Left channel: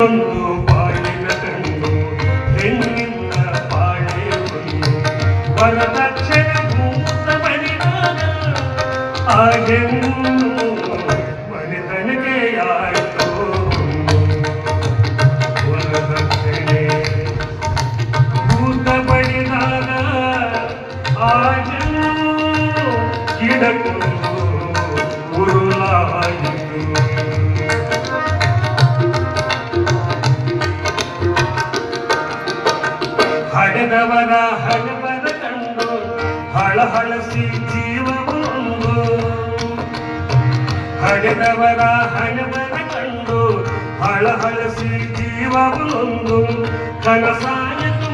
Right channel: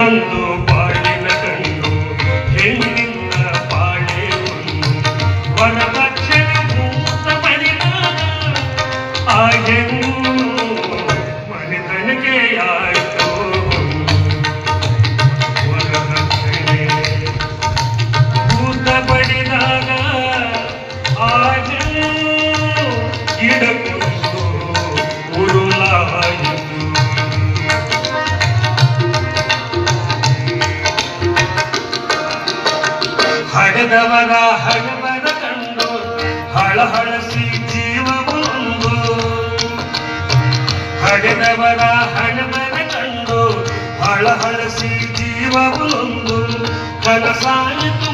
ಒಂದು ಬಾಳಿನ ಕಂಡು ಹೆಣ್ಣಿನ ಬಾಳೆ ಒಂದು ವರದಕ್ಷಿಣೆ ಭೂತ ಬಲಿದಾನ ಆ ಹೆಣ್ಣು ಮನೆತನಕೆಯಾಯಿತು ವರದಕ್ಷಿಣೆ ಭೂತ ಬಡಿದಾಗ ಆ ಹೆಣ್ಣು ಗಿಡಕೊಂಡು ಉರುಳಾಯಿತು. ಹಡೆದವರ ಹಣಬರ ಕಂಡು ಹಳಹಳಸಿ ಜೀವವೊಂದು ಹಡೆದವರ ಹಣಬರ ಕಂಡು ಹಳಹಳಸಿ ಜೀವವೊಂದು ಕನಸಾಯಿತು